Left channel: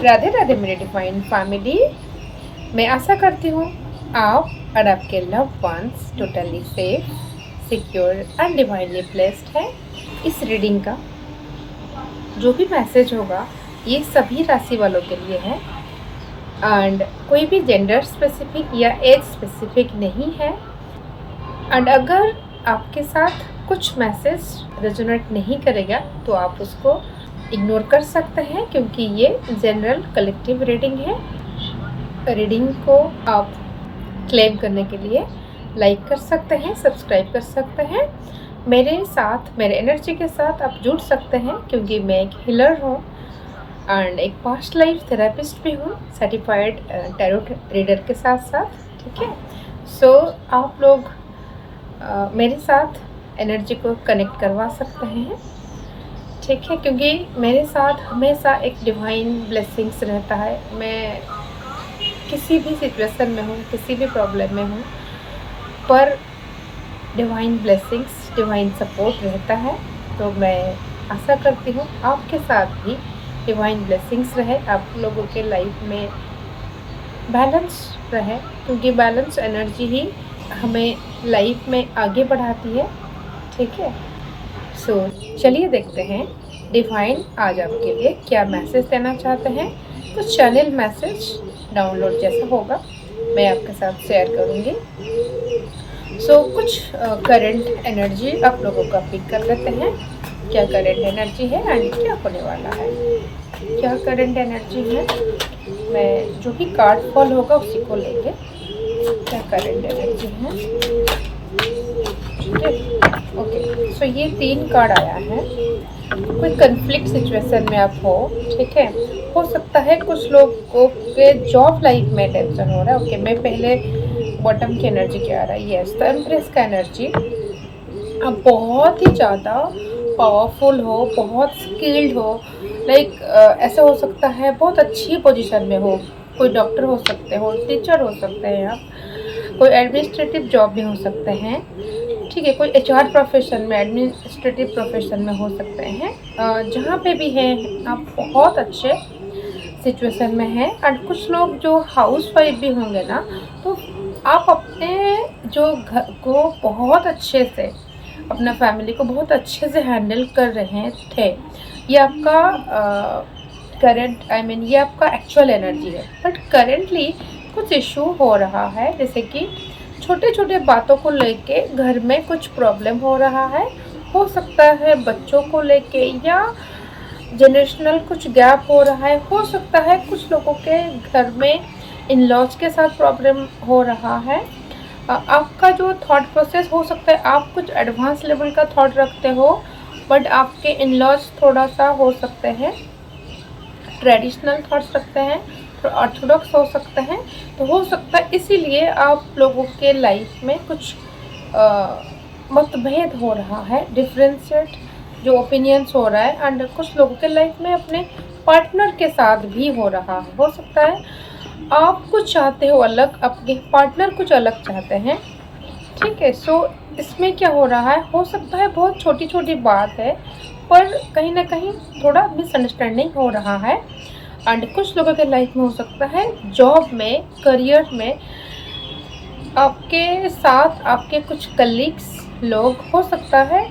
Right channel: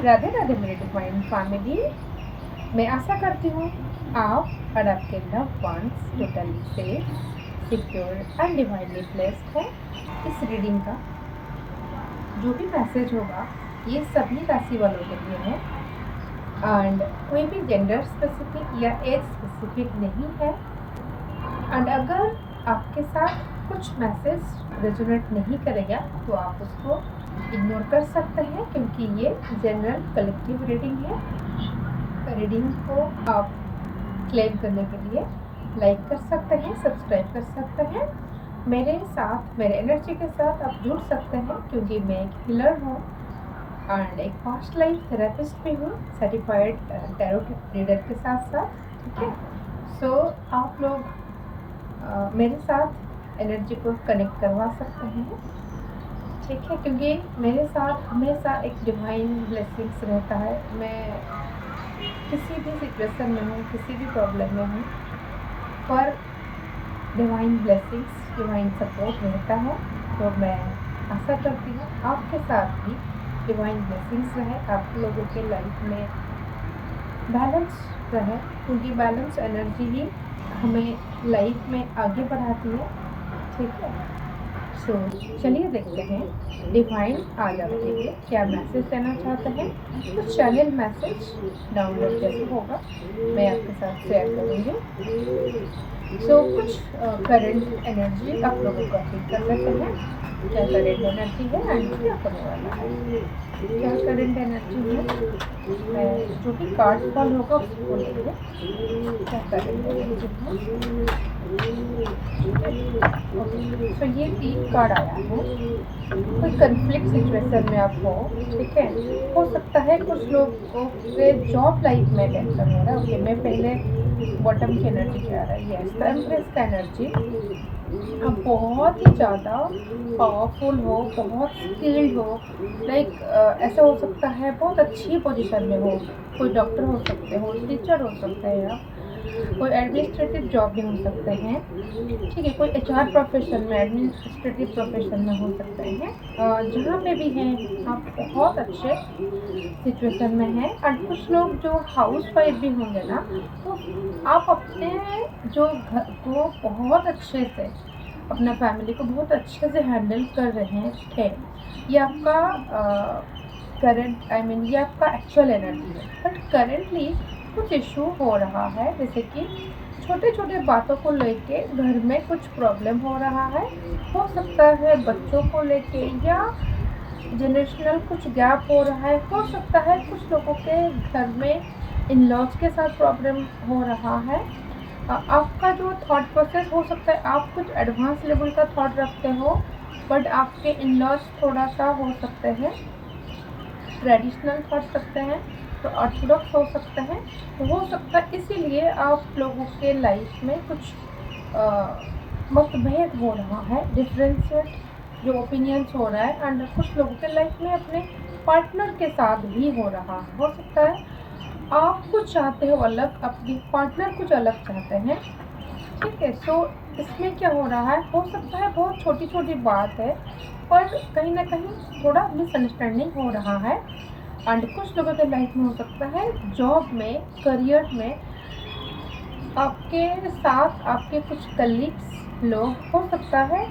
राधे राधे मेरे divine family. मैं आशा करती हूँ आप और आपके loved ones totally safe, secure and divinely blessed है। इस रीडिंग का जो भी मैसेज होगा ये सभी राशि वालों के लिए है एंड कोई भी जेंडर स्पेसिफिक या एज स्पेसिफिक नहीं है। एंड अगर आपके साथ कुछ मैसेज रेजोनेट नहीं करेगा तो आप उसको इग्नोर कर सकते हैं, क्योंकि ये जनरल कलेक्टिव रीडिंग है। रीडिंग को आप क्लेम करने के लिए लाइक कर सकते हैं, सब्सक्राइब कर सकते हैं। मेरे साथ, मेरे एनर्जी के साथ आप जुड़ सकते हैं, क्योंकि मैं एक हीलर हूँ एंड एक पास्ट लाइफ थेरेपिस्ट भी हूँ, सर्टिफाइड टैरोट रीडर के साथ साथ। ठीक है, सो आप लोग मेरे साथ एनर्जी को कनेक्ट करवा सकते हैं। ठीक है, क्योंकि मेरे साथ हमेशा एक डिवाइन ब्लेसिंग्स रहता है। मैं किसी भी सिचुएशन में हूँ, किसी भी प्रॉब्लम में हूँ, पर डिवाइन ब्लेसिंग्स, डिवाइन सपोर्ट रहता है। तो मैं आशा करती हूँ आपके साथ भी डिवाइन ब्लेसिंग्स रहे, आप लोगों के लाइफ में बैलेंस रहे, क्योंकि बैलेंस एनर्जी ही हमें लाइफ में आगे बढ़ाती है। ठीक है, सो चलिए देखते हैं डिवाइन आज आपके लिए क्या मैसेज देना चाहते हैं। कुछ चैनल मैसेज डाउनलोड जैसा होगा मैं आपके साथ शेयर करूँगी। सो कुछ करंट एनर्जी आप लोगों का पिक कर लेते हैं। क्या करंट एनर्जी है एंड क्या होने वाला है, क्या करंट एनर्जी है। मैं जो भी कार्ड फॉल होगा उसी को लेंगे। क्या करंट एनर्जी है, ठीक है। ओके, सो ये 3 कार्ड आया है। कोई कन्फ्लिक्ट सिचुएशन में आप हो, ठीक है। हो सकता है कुछ लोगों के जॉब लाइफ में टेंशन हो रहा है। ओके, मैं पहले बॉटम की एनर्जी क्या आ रहा है, यस, द एम्प्रेस का एनर्जी। आप बहुत ही ज़्यादा पावरफुल हो, बहुत स्किल्ड हो, लाइक ऐसा हो सकता है बहुत अच्छी पोजीशन में हो। कोई डॉक्टर हो सकते हो, टीचर हो सकते हैं आप, कोई एडमिनिस्ट्रेटिव जॉब में हो सकते हैं, ठीक है। कोई एचआर प्रोफेशन में, एडमिनिस्ट्रेटिव प्रोफेशन में हो सकते हैं। जहाँ पे भी हैं आप बहुत अच्छे सिचुएशन में हैं। और कुछ लोग जो हाउस वाइफ भी होंगे ना, तो आप अपने जो घर को बहुत अच्छे से, अपना फैमिली को बहुत अच्छे से हैंडल कर रहे थे। ये आपका करंट, आई मीन ये आपका एक्चुअल एनर्जी है। बट करेंटली कुछ इशू हो रहा है, जैसे कि छोटे छोटे बातों को लेके घर में कुछ प्रॉब्लम हो रहा है। हो सकता है बच्चों को लेके, या जनरेशनल कुछ गैप हो रहा है। हो सकता है कुछ लोगों के घर में इन लॉज के साथ प्रॉब्लम हो रहा है। आपका जो थॉट प्रोसेस हो सकता है, आप कुछ एडवांस लेवल का थॉट रखते हो, बट आपके इन लॉज थोड़ा सा हो सकते हैं ट्रेडिशनल थॉट्स रखते हैं, तो ऑर्थोडॉक्स हो सकते हैं। तो हो सकता है इसीलिए आप लोगों के लाइफ में कुछ मतभेद हो रहा है, डिफरेंशिएट जो ओपिनियंस हो रहा है। एंड कुछ लोगों के लाइफ में अपने पार्टनर के साथ भी हो रहा है। हो सकता है आप कुछ चाहते हो अलग, आपके पार्टनर कुछ अलग चाहते हैं, ठीक है। सो इसमें क्या हो रहा है, हो सकता है बहुत छोटी छोटी बात है, पर कहीं ना कहीं थोड़ा मिसअंडरस्टैंडिंग हो रहा है। एंड कुछ लोगों के लाइफ में हो सकता है जॉब में, करियर में आपके साथ आपके कुछ कलीग्स लोग, हो सकता है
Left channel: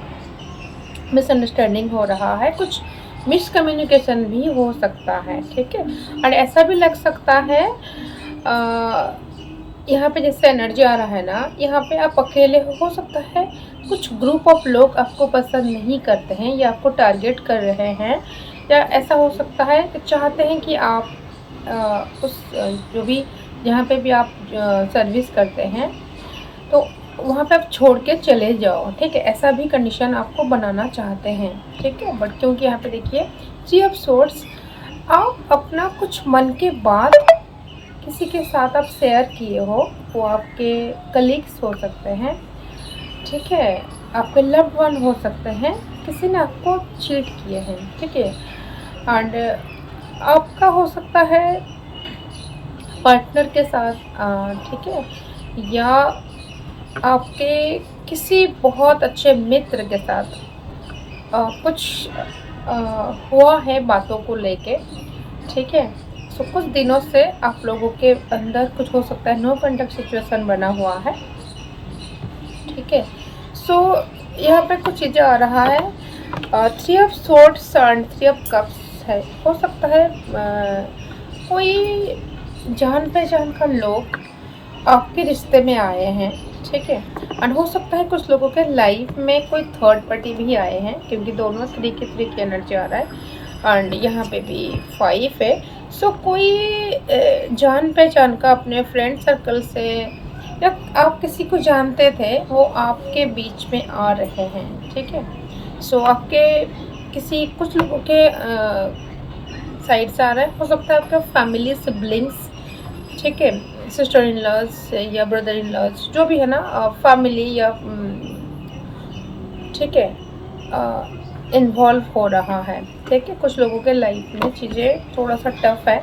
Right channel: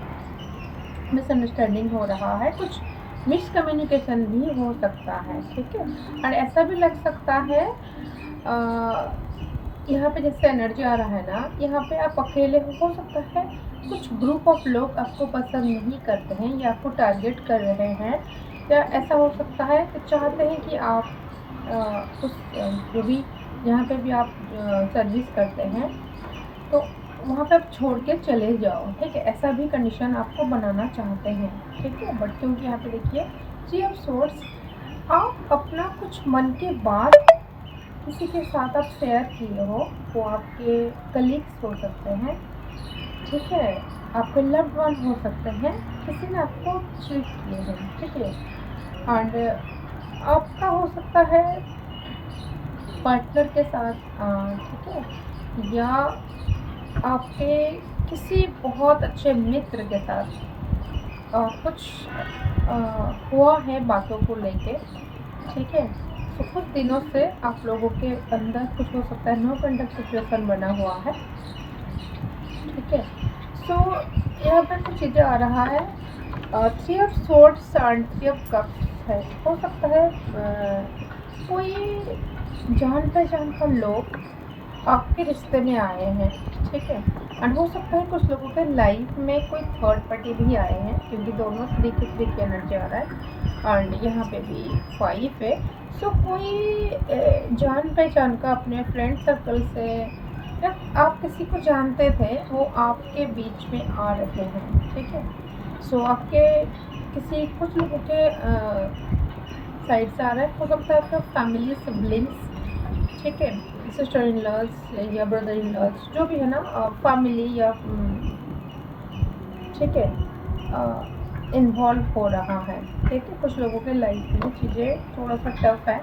मिसअंडरस्टैंडिंग हो रहा है, कुछ मिसकम्युनिकेशन भी हो सकता है, ठीक है। और ऐसा भी लग सकता है यहाँ पे जैसे एनर्जी आ रहा है ना, यहाँ पे आप अकेले हो सकता है कुछ ग्रुप ऑफ लोग आपको पसंद नहीं करते हैं या आपको टारगेट कर रहे हैं, या ऐसा हो सकता है कि चाहते हैं कि आप उस जो भी जहाँ पे भी आप सर्विस करते हैं, तो वहाँ पे आप छोड़ के चले जाओ, ठीक है। ऐसा भी कंडीशन आपको बनाना चाहते हैं, ठीक है। बट क्योंकि यहाँ पे देखिए थ्री ऑफ सोर्ड्स, आप अपना कुछ मन की बात किसी के साथ आप शेयर किए हो, वो आपके कलीग्स हो सकते हैं, ठीक है, आपके लव्ड वन हो सकते हैं, किसी ने आपको चीट किए हैं, ठीक है। एंड आपका हो सकता है पार्टनर के साथ, ठीक है, या आपके किसी बहुत अच्छे मित्र के साथ कुछ हुआ है बातों को लेके, ठीक है। सो कुछ दिनों से आप लोगों के अंदर कुछ हो सकता है नो कॉन्टैक्ट सिचुएशन बना हुआ है, ठीक है। सो यहाँ पे कुछ चीज़ें आ रहा है, 3 of swords and 3 of cups है। हो सकता है कोई जान पहचान का लोग आपके रिश्ते में आए हैं, ठीक है। एंड हो सकता है कुछ लोगों के लाइफ में कोई थर्ड पार्टी भी आए हैं, क्योंकि दोनों 3 की एनर्जी आ रहा है एंड यहाँ पे भी 5 है। सो कोई जान पहचान का अपने फ्रेंड सर्कल से या आप किसी को जानते थे वो आपके बीच में आ रहे हैं, ठीक है। सो आपके किसी कुछ लोगों के साइड से आ रहा है। हो सकता है आपका फैमिली सिबलिंग्स, ठीक है, सिस्टर इन लॉज या ब्रदर इन लॉज, जो भी है ना, फैमिली या ठीक है, इन्वॉल्व हो रहा है, ठीक है। कुछ लोगों के लाइफ में चीज़ें थोड़ा सा टफ है,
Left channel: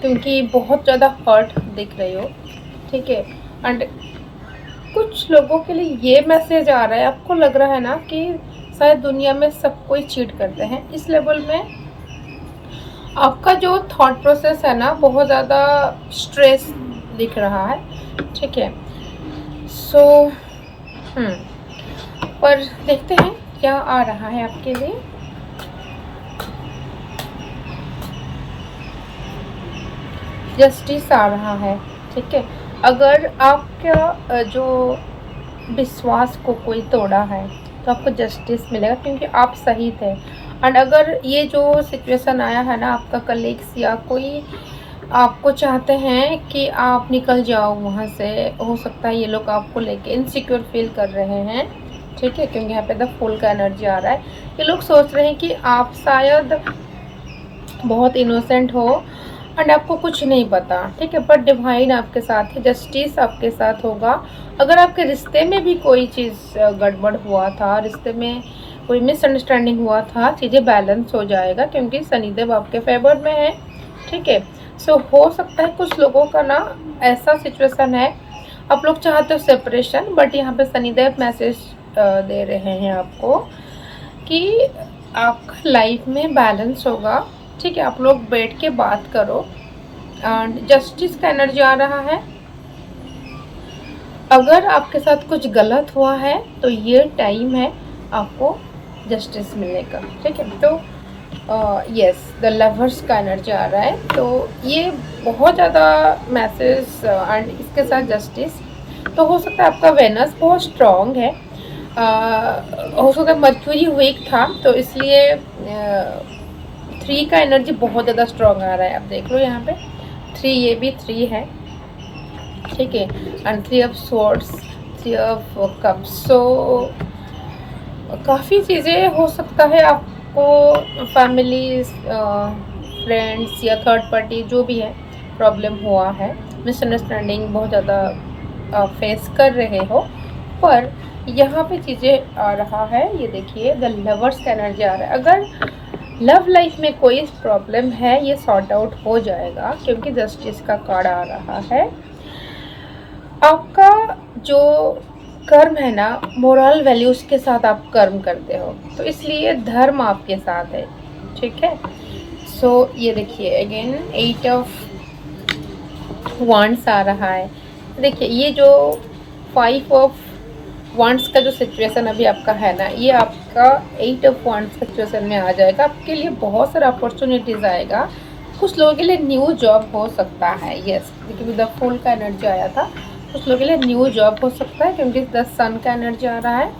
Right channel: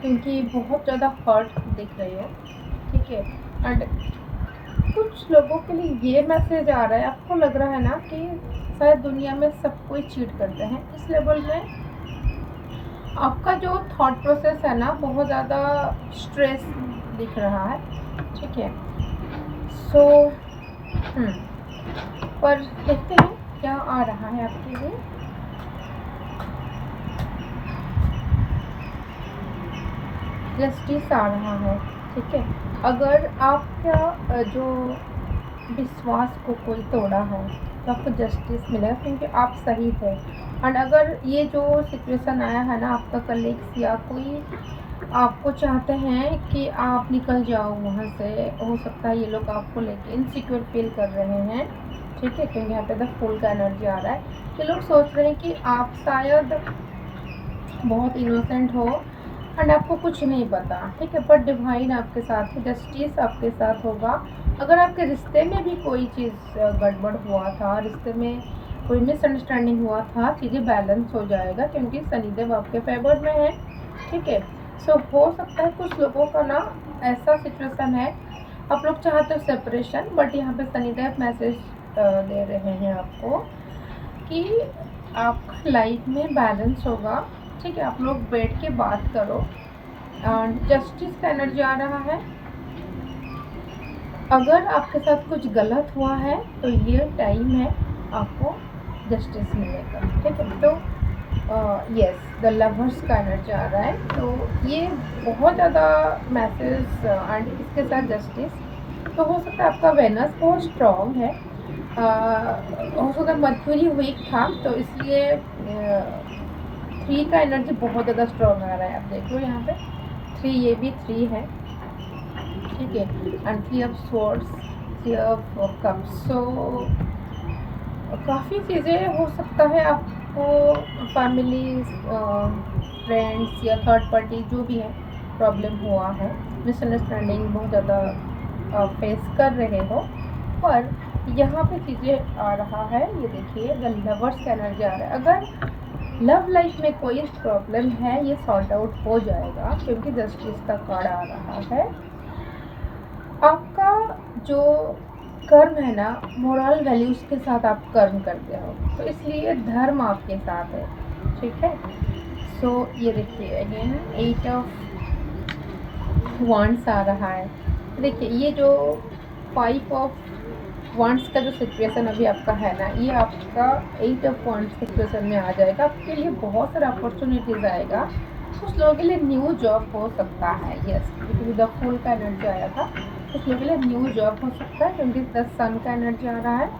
क्योंकि बहुत ज़्यादा हर्ट दिख रही हो, ठीक है। एंड कुछ लोगों के लिए ये मैसेज आ रहा है, आपको लग रहा है ना कि शायद दुनिया में सब कोई चीट करते हैं। इस लेवल में आपका जो थॉट प्रोसेस है ना, बहुत ज़्यादा स्ट्रेस दिख रहा है, ठीक है। सो पर देखते हैं क्या आ रहा है आपके लिए। जस्टिस आ रहा है, ठीक है। अगर आपका जो विश्वास को कोई तोड़ा है तो आपको जस्टिस मिलेगा, क्योंकि आप सही थे। एंड अगर ये जो सिचुएशन आया है ना, आपका कलीग्स या कोई आपको चाहते हैं कि आप निकल जाओ वहाँ से, हो सकता है ये लोग आपको लेके इनसिक्योर फील कर रहे हैं, ठीक है, क्योंकि यहाँ पे द फुल का एनर्जी आ रहा है। ये लोग सोच रहे हैं कि आप शायद बहुत इनोसेंट हो एंड आपको कुछ नहीं पता, ठीक है, बट डिवाइन आपके साथ है, जस्टिस आपके साथ होगा। अगर आपके रिश्ते में भी कोई चीज़ गड़बड़ हुआ था, रिश्ते में कोई मिसअंडरस्टैंडिंग हुआ था, चीज़ें बैलेंस हो जाएगा, क्योंकि शनिदेव आपके फेवर में है, ठीक है। सो हो सकता है कुछ लोगों का ना ऐसा सिचुएशन है, आप लोग चाहते हो सेपरेशन, बट यहाँ पे शनिदेव मैसेज दे रहे हैं आपको कि आपका लाइफ में बैलेंस होगा, ठीक है। आप लोग बैठ के बात करो एंड जस्टिस का एनर्जी आ रहा है। अगर आपके साथ कुछ गलत हुआ है तो ये टाइम है आपको जस्टिस मिलने का, ठीक है। तो यस, द लवर्स का एनर्जी आ रहा है, तो ये बहुत ज़्यादा मैसेज एंड इसके साथ जस्टिस। तो हो सकता है आपका वेनस बहुत स्ट्रॉन्ग है, हो सकता है मर्क्यूरी वीक था, तो इसलिए 3 का एनर्जी बहुत ज़्यादा स्ट्रॉन्ग आ रहा है। आप देख लो यहाँ पे 3, ये भी 3 है, ठीक है। And 3 of swords, 3 of cups. So काफ़ी चीज़ें हो सकता है आपको फैमिली, फ्रेंड्स या थर्ड पार्टी जो भी है प्रॉब्लम हुआ है, मिसअंडरस्टैंडिंग बहुत ज़्यादा फेस कर रहे हो, पर यहाँ पे चीज़ें आ रहा है। ये देखिए द लवर्स का एनर्जी आ रहा है। अगर लव लाइफ में कोई प्रॉब्लम है ये सॉर्ट आउट हो जाएगा, क्योंकि जस्टिस का कार्ड आ रहा है। आपका जो कर्म है ना, मोरल वैल्यूज़ के साथ आप कर्म करते हो, तो इसलिए धर्म आपके साथ है, ठीक है। सो ये देखिए अगेन 8 ऑफ वांड्स आ रहा है। देखिए ये जो 5 ऑफ वांड्स का जो सिचुएशन अभी आपका है ना, ये आपका 8 ऑफ वांड्स सिचुएशन में आ जाएगा। आपके लिए बहुत सारा अपॉर्चुनिटीज़ आएगा। कुछ लोगों के लिए न्यू जॉब हो सकता है, यस, क्योंकि द फुल का एनर्जी आया था। कुछ लोगों के लिए न्यू जॉब हो सकता है, क्योंकि द सन का एनर्जी आ रहा है।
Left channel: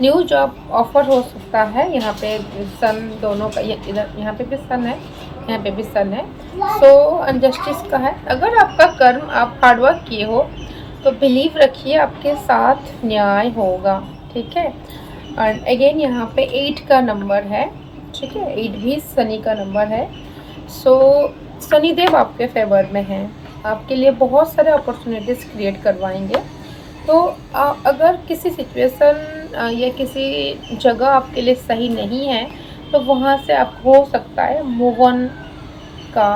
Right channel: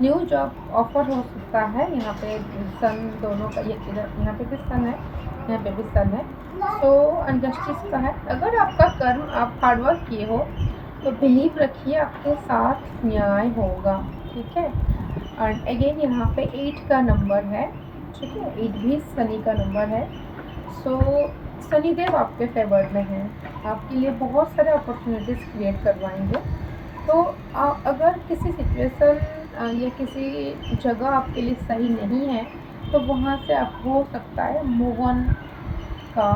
न्यू जॉब ऑफर हो सकता है। यहाँ पे सन दोनों का, इधर यहाँ पे भी सन है, यहाँ पे भी सन है। सो अनजस्टिस का है। अगर आपका कर्म आप हार्डवर्क किए हो तो बिलीव रखिए आपके साथ न्याय होगा, ठीक है। एंड अगेन यहाँ पे 8 का नंबर है, ठीक है, 8 भी शनि का नंबर है। सो शनिदेव आपके फेवर में है, आपके लिए बहुत सारे अपॉर्चुनिटीज़ क्रिएट करवाएंगे। तो अगर किसी सिचुएशन या किसी जगह आपके लिए सही नहीं है तो वहाँ से आप हो सकता है मूव ऑन का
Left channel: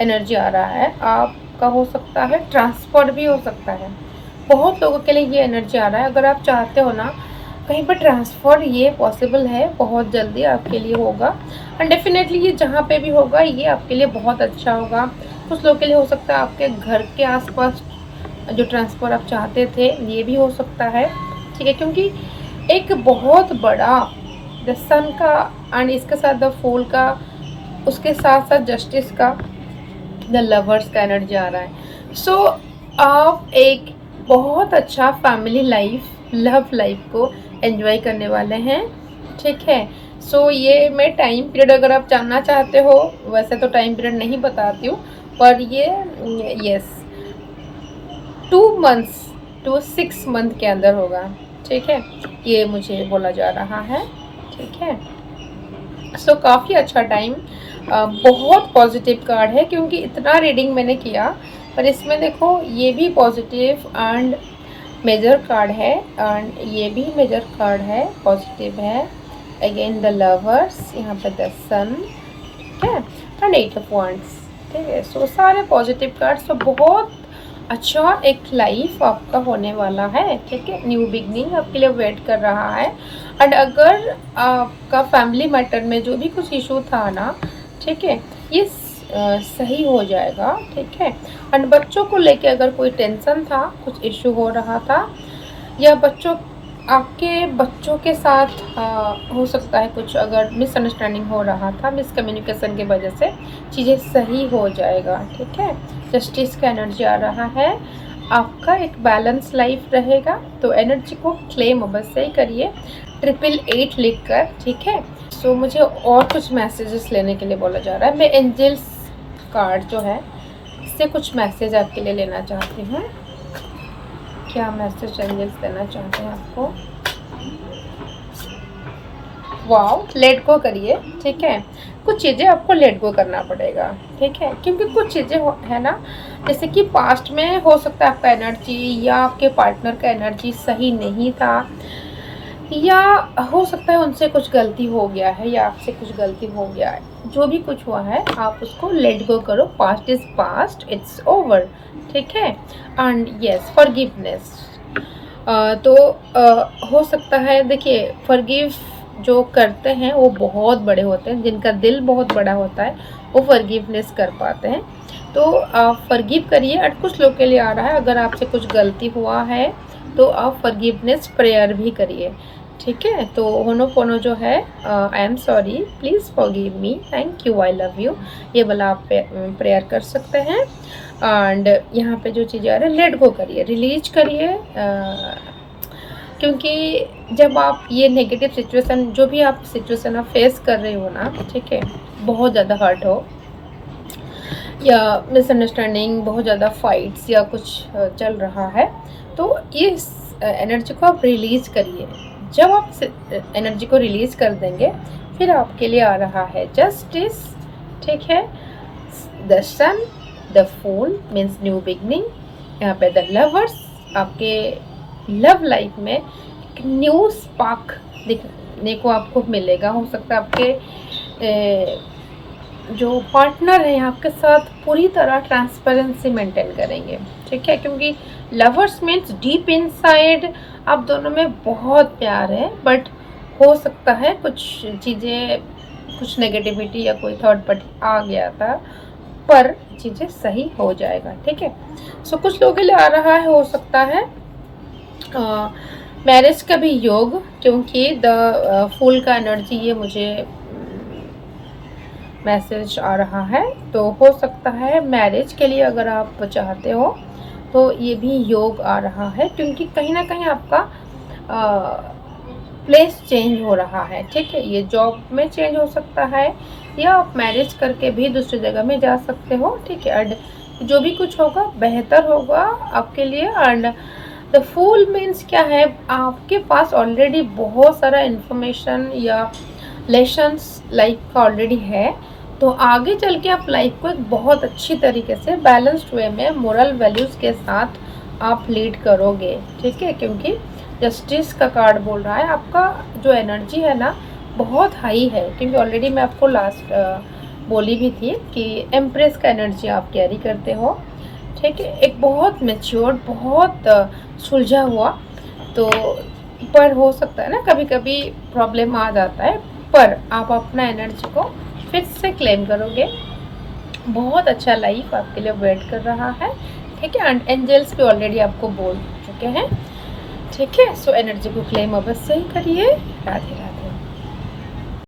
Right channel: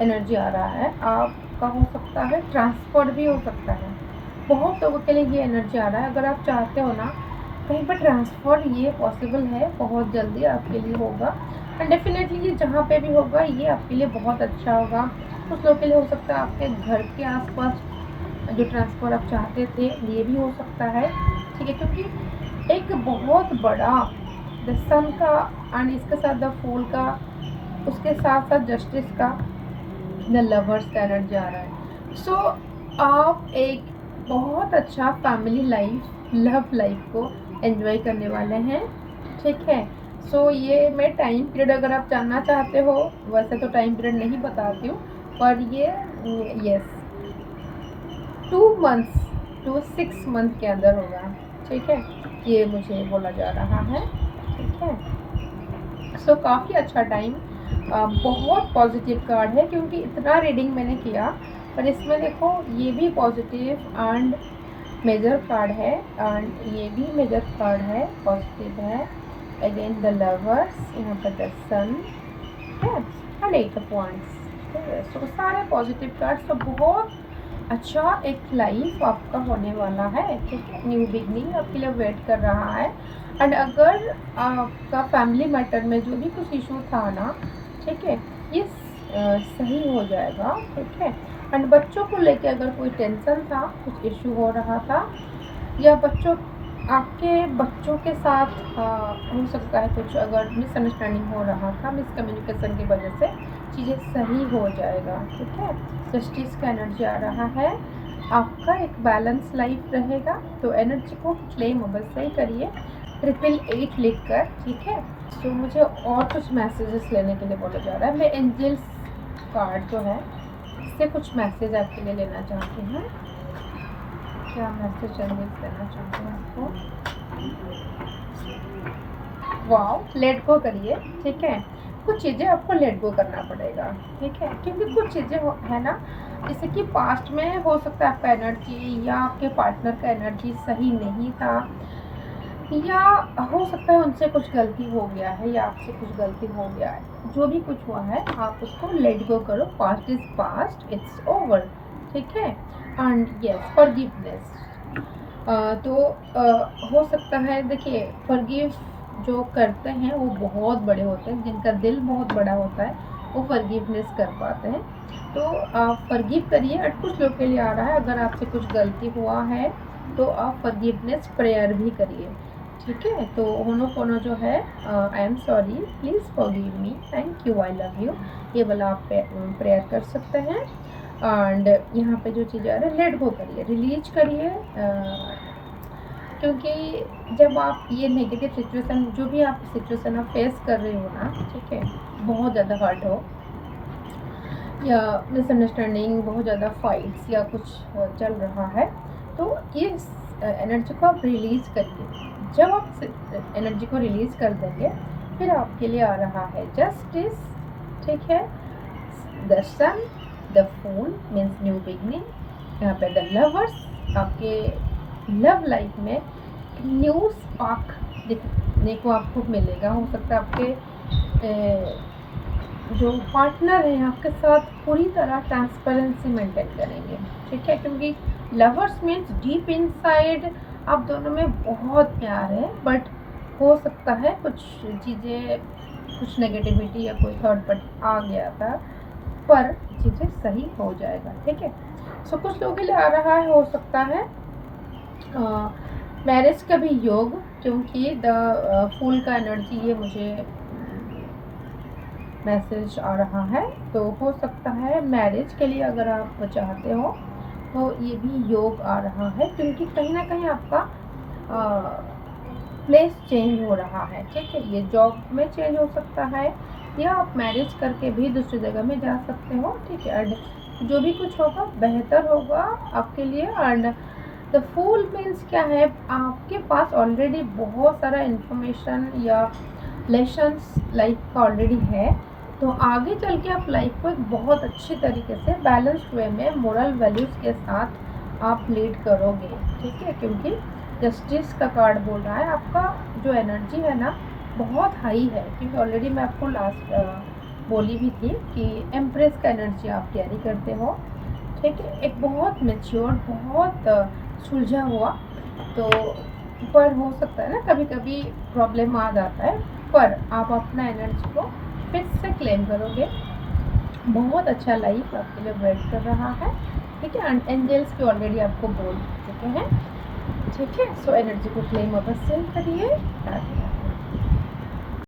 एनर्जी आ रहा है। आपका हो सकता है ट्रांसफ़र भी हो सकता है। बहुत लोगों के लिए ये एनर्जी आ रहा है। अगर आप चाहते हो ना कहीं पर ट्रांसफ़र, ये पॉसिबल है, बहुत जल्दी आपके लिए होगा। एंड डेफिनेटली ये जहाँ पे भी होगा ये आपके लिए बहुत अच्छा होगा। कुछ लोगों के लिए हो सकता है आपके घर के आसपास जो ट्रांसफ़र आप चाहते थे ये भी हो सकता है, ठीक है, क्योंकि एक बहुत बड़ा द सन का एंड इसके साथ द फूल का, उसके साथ साथ जस्टिस का, द लवर्स का एनर्जी आ रहा है। सो आप एक बहुत अच्छा फैमिली लाइफ, लव लाइफ को एंजॉय करने वाले हैं, ठीक है। सो ये मैं टाइम पीरियड अगर आप जानना चाहते हो, वैसे तो टाइम पीरियड नहीं बताती हूँ, पर ये यस 2 मंथ्स टू 6 मंथ के अंदर होगा, ठीक है, ये मुझे बोला जा रहा है, ठीक है। सो काफ़ी अच्छा टाइम, बहुत पॉजिटिव कार्ड है, क्योंकि इतना रीडिंग मैंने किया, पर इसमें देखो ये भी पॉजिटिव एंड मेजर कार्ड है, एंड ये भी मेजर कार्ड है, पॉजिटिव है। अगेन द लवर्स, यहाँ पे द सन, ठीक है, एंड 8 ऑफ वांड्स, ठीक है। सो सारे पॉजिटिव कार्ड, सो बहुत अच्छा एक लाइफ आपका होने वाला है, ठीक है। न्यू बिगनिंग आपके लिए वेट कर रहा है। एंड अगर आपका फैमिली मैटर में जो भी कुछ इशू था ना, ठीक है, ये सही हो जाएगा, ठीक है। एंड बच्चों को लेके अगर कोई टेंशन था, कुछ इशू हो रहा था, या आपके बच्चों के साथ हो सकता है कुछ अगर मिसअंडरस्टैंडिंग हो रहा था, मिसकम्युनिकेशन की वजह से चीज़ें सही हो जाएगा, ठीक है। जस्टिस का एनर्जी आ रहा है, आपका एक बैलेंस लाइफ रहेगा, तो एनर्जी को क्लेम अवश्य ही करिए 888 लिख कर, ठीक है। सो मुझे और कुछ मैसेजेस लेने के लिए बोला जा रहा है, मैं एंजल्स कार्ड जो है इससे कुछ मैसेज आपके लिए लेना चाहती हूँ। क्या मैसेज एंजल्स देना चाहते हैं आपको? वाओ, लेट गो करिए, ठीक है। कुछ चीज़ें आपको लेट गो करना पड़ेगा, ठीक है, क्योंकि कुछ चीज़ें है ना, जैसे कि पास्ट में हो सकता है आपका एनर्जी या आपके पार्टनर का एनर्जी सही नहीं था, या हो सकता है उनसे कुछ गलती हो गया है या आपसे कुछ गलती हो गया है। जो भी कुछ हुआ है आप उसको लेट गो करो, past is past, it's over, ठीक है। एंड यस, फॉरगिवनेस, तो हो सकता है, देखिए फॉरगिव जो करते हैं वो बहुत बड़े होते हैं, जिनका दिल बहुत बड़ा होता है वो फॉरगिवनेस कर पाते हैं। तो आप फॉरगिव करिए। और कुछ लोग के लिए आ रहा है, अगर आपसे कुछ गलती हुआ है तो आप फॉरगिवनेस प्रेयर भी करिए, ठीक है। तो होनोपोनो जो है, I am sorry, please forgive me, thank you, I love you, ये वाला आप प्रेयर कर सकते हैं। एंड यहाँ पे जो चीज़ें आ रही है, लेट गो करिए, रिलीज करिए, क्योंकि जब आप ये नेगेटिव सिचुएशन, जो भी आप सिचुएशन आप फेस कर रहे हो ना, ठीक है, बहुत ज़्यादा हर्ट हो या मिसअंडरस्टैंडिंग, बहुत ज़्यादा फाइट्स या कुछ चल रहा है, तो इस एनर्जी को आप रिलीज़ करिए। जब आप एनर्जी को रिलीज़ कर देंगे, फिर आपके लिए आ रहा है जस्टिस, ठीक है, the sun, the fool means new beginning, यहाँ पे द लवर्स, आपके लव लाइफ में एक न्यू स्पार्क दिखने को आपको मिलेगा। हो सकता है आपके जो पार्टनर है आपके साथ पूरी तरह ट्रांसपेरेंसी मेंटेन करेंगे, ठीक है, क्योंकि लवर्स मीन्स डीप इनसाइड आप दोनों में बहुत प्यार है, बट हो सकता है कुछ चीज़ें, कुछ नेगेटिविटी या कोई थर्ड पार्टी आ गया था, पर चीज़ें सही हो जाएगा, ठीक है। सो कुछ लोगों के लिए आ रहा है, हो सकता है मैरिज का भी योग, क्योंकि द फूल का एनर्जी ये मुझे मैसेज आ रहा है, तो हो सकता है मैरिज के लिए अगर आप चाहते हो तो ये भी योग आ रहा है, क्योंकि कहीं ना कहीं आपका प्लेस चेंज हो रहा है, ठीक है। ये जॉब में चेंज हो सकता है, या आप मैरिज करके भी दूसरी जगह में जा सकते हो, ठीक है। एंड जो भी कुछ होगा बेहतर होगा आपके लिए। एंड द फूल मीन्स क्या है, आपके पास ऑलरेडी बहुत सारा इन्फॉर्मेशन या लेसन्स लाइफ का ऑलरेडी है, तो आगे चल के आप लाइफ को एक बहुत अच्छी तरीके से बैलेंस्ड वे में मोरल वैल्यूज़ के साथ आप लीड करोगे, ठीक है, क्योंकि जस्टिस का कार्ड बोल रहा है आपका जो एनर्जी है ना बहुत हाई है, क्योंकि ऑलरेडी मैं आपको लास्ट बोली भी थी कि एम्प्रेस का एनर्जी आप कैरी करते हो, ठीक है, एक बहुत मैच्योर, बहुत सुलझा हुआ, तो पर हो सकता है ना कभी कभी प्रॉब्लम आ जाता है, पर आप अपना एनर्जी को फिर से क्लेम करोगे, बहुत अच्छा लाइफ आपके लिए वेट कर रहा है, ठीक है। एंड एंजल्स भी ऑलरेडी आपको बोल चुके हैं, ठीक है। सो एनर्जी को क्लेम अवश्य ही करिए। राधे राधे।